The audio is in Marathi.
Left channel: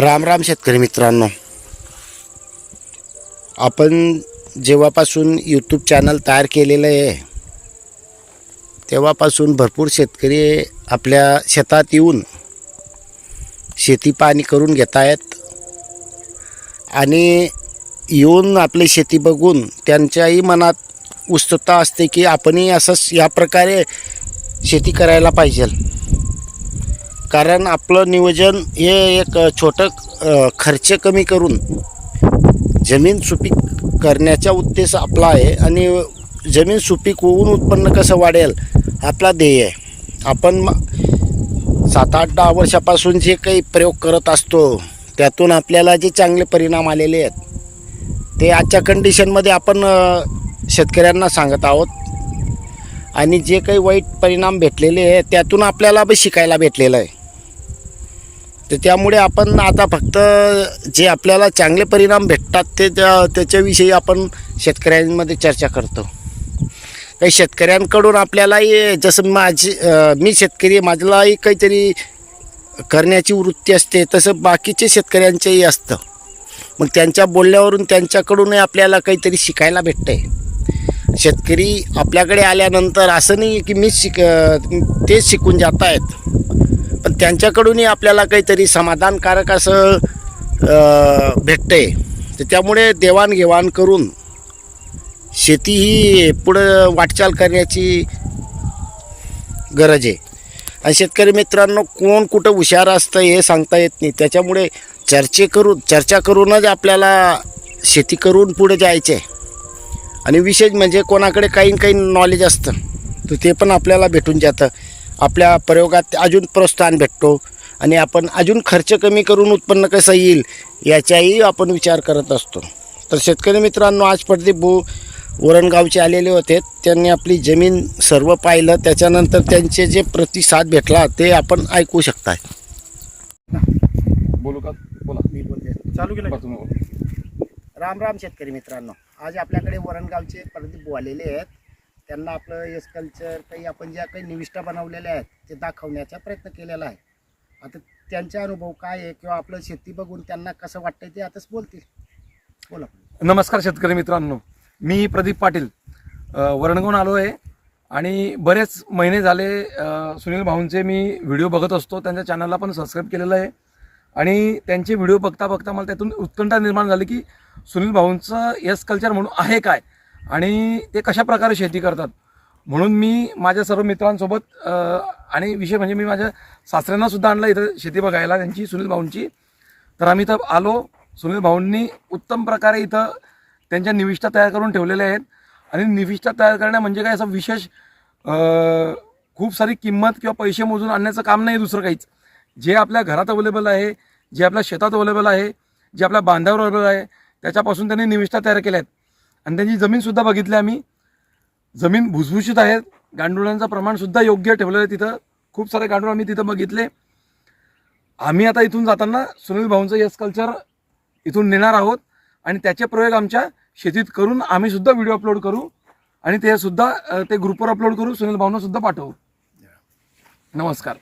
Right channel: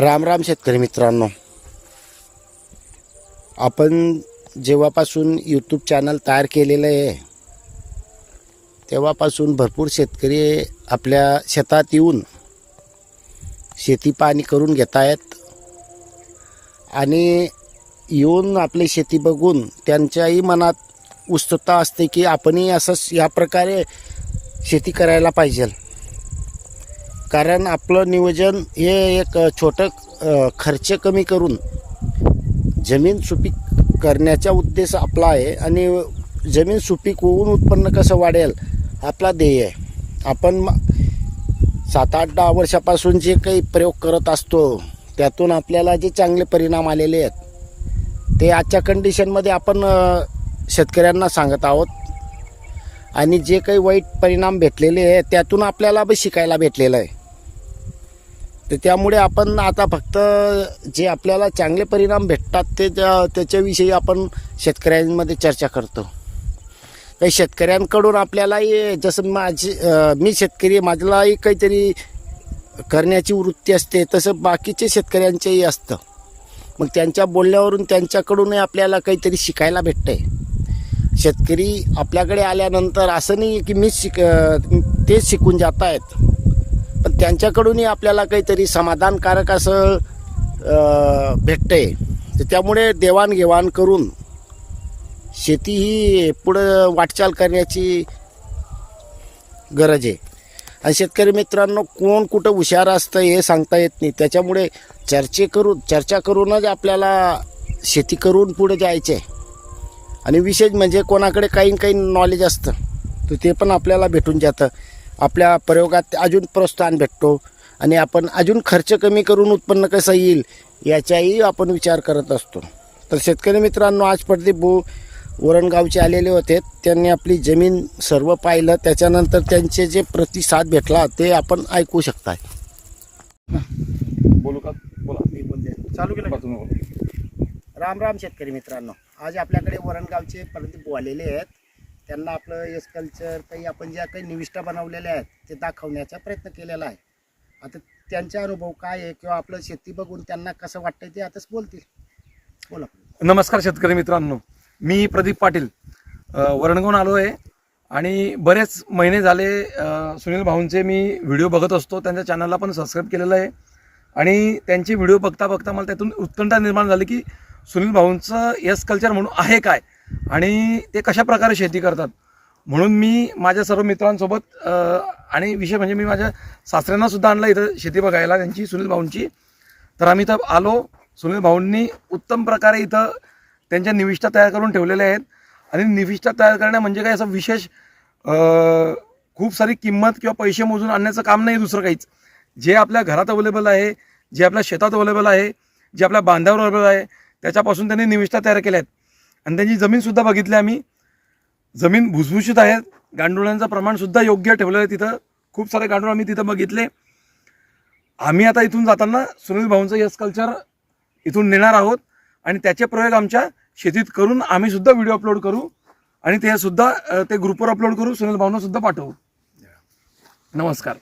राम राम शेतकरी मित्रांनो. आपण जेव्हापासून यूट्यूब चॅनल तयार केलेलं आहे तेव्हापासून भरपूर शेतकरी आपल्या शेतात येऊन शेती पाणी करून घेत आहेत. आणि येऊन आपली शेती बघून त्यांच्याही मनात उत्सुकता असते की आपणही असंच या प्रकारे शेती करायला पाहिजे. कारण आपलं नियोजन हे एक छोटं खर्च कमी करून जमीन सुपीक करण्याचा उद्देश आपला आहे आणि जमीन सुपीक होऊन उत्पन्न कसं वाढेल आपला ध्येय आहे. आपण सात आठ दहा वर्षापासून जे काही प्रयोग करत असतो त्यातून आपल्याला जे चांगले परिणाम आलेले आहेत ते आजच्या कंडिशनमध्ये आपण शेतकऱ्यांना सांगत आहोत. आणि जे काही वाईट परिणाम भेटलेले आहे त्यातून आपल्याला बी शिकायला भेटलेलं आहे. तर त्यामुळे आपण आता फक्त जे आपल्याला चांगले परिणाम भेटतात ते त्या त्याच्याविषयी आपण शेतकऱ्यांमध्ये चर्चा करतो. काही शेतकऱ्यांकडून आपल्यालाही जसं माझी मी शेतकरी माझ्यालाही माझलाही काहीतरी करण्याची वृत्ती असते तसं बाकीचे शेतकऱ्यांचेही असतं. मग त्यांच्या बोलण्यावरून त्यांच्याकडूनही आपल्याला काहीतरी शिकायला भेटतं आहे शेतकरी आपल्याकडे आल्यानंतर असं नाही की मी शिक तेच शिकून जात आहेत त्यांच्याकडूनही आपल्याला काहीतरी समाधानकारक असं अं, भेटतंय. तर त्यामुळे देवाणघेवाण करून शेती ही पुढं वाटचाल करण्याची गरज आहे. आणि शेतकरी मित्रांनो कोण कुठं हुशार असतं हे सांगता येत नाही. त्याच्यामुळे चर्चे करून चर्चा करूनच आपल्याला शेती करून पुढे जायचे आहे आणि विशेष म्हणजे कोणाकडे काही काही नॉलेज असतं तर ते पण आपल्याला भेटून जातं. आपल्या प्रयोगात अजून प्रोत्साहन भेटतो आणि आपण अजून खर्च कमी करून उत्पन्न कसं येईल याचाही आपण विचार करत असतो. तर शेतकरी मित्रांनो आज प्रदीप भाऊ वरणगावचे आलेले होते. त्यांनी आपली जमीन सर्व पाहिलं. त्याच्यानंतर त्यांचे जे प्रतिसाद भेटला ते आपण ऐकू शकता बोलू का? बोला. मी बोलते. चालू केलं का? तुम्ही राम राम शेतकरी मित्रांनो. आज आपल्याकडे वरणगावचे प्रदीप आलेले आहेत. त्यांना आपलं एस कल्चर काही आपण ज्या काही निविष्ठा बनवलेल्या आहेत ते दाखवण्याचा प्रयत्न केलेला आहे. आता त्यांचा अनुभव काय आहे किंवा आपलं शेती बघून त्यांना कसं वाटतंय ते आताच बोलतील. बोला. नमस्कार शेतकरी मित्रांनो. मी प्रदीप पाटील. अ, वरणगावून आलो आहे आणि बरेच महिने झाले सुनील भाऊंचे मी व्हिडिओ बघत असतो. त्यांच्या चॅनलला पण सबस्क्राईब केलेलं आहे. आणि त्यांचे व्हिडिओ बघता बघता मला त्यातून उत्कंठा निर्माण झाली की सुनील भाऊंचं यस कल्चर म्हणून आहे काय? आणि ते कशा प्रकारे शेती करतात? म्हणून मी माझ्या सर्व मित्रांसोबत आणि विषय म्हणजे मी माझ्या सासऱ्यांनासुद्धा आणलं इथं शेती बघायला त्यांची सुनील भाऊंची. तर आम्ही इथं आलो. सुनील भाऊंनी उत्तम प्रकारे इथं त्यांच्या निविष्ठा तयार करून ठेवलेल्या आहेत. आणि निविष्ठा तयार करणं म्हणजे काय? असं विशेष खूप सारी किंमत किंवा पैसे मोजून आणण्याचं काम नाही दुसरं काहीच. जे आपल्या घरात अवेलेबल आहे जे आपल्या शेतात अवेलेबल आहे जे आपल्या बांधावर अवेलेबल आहे त्याच्यापासून त्यांनी निविष्ठा तयार केल्या आहेत. आणि त्यांची जमीनसुद्धा बघितली आम्ही. जमीन भुसभुशीत आहेत गांडुळांचं प्रमाणसुद्धा योग्य ठेवलेलं आहे तिथं. खूप सारे गांडूळ आम्ही तिथं बघितले. आम्ही आता इथून जाताना सुनील भाऊंचं यस कल्चर इथून नेणार आहोत. आणि त्याचे प्रयोग आमच्या शेतीत करून आम्ही सुद्धा व्हिडिओ अपलोड करू. आणि ते सुद्धा ते ग्रुपवर अपलोड करू. सुनील भाऊंना सुद्धा पाठवू. नमस्कार.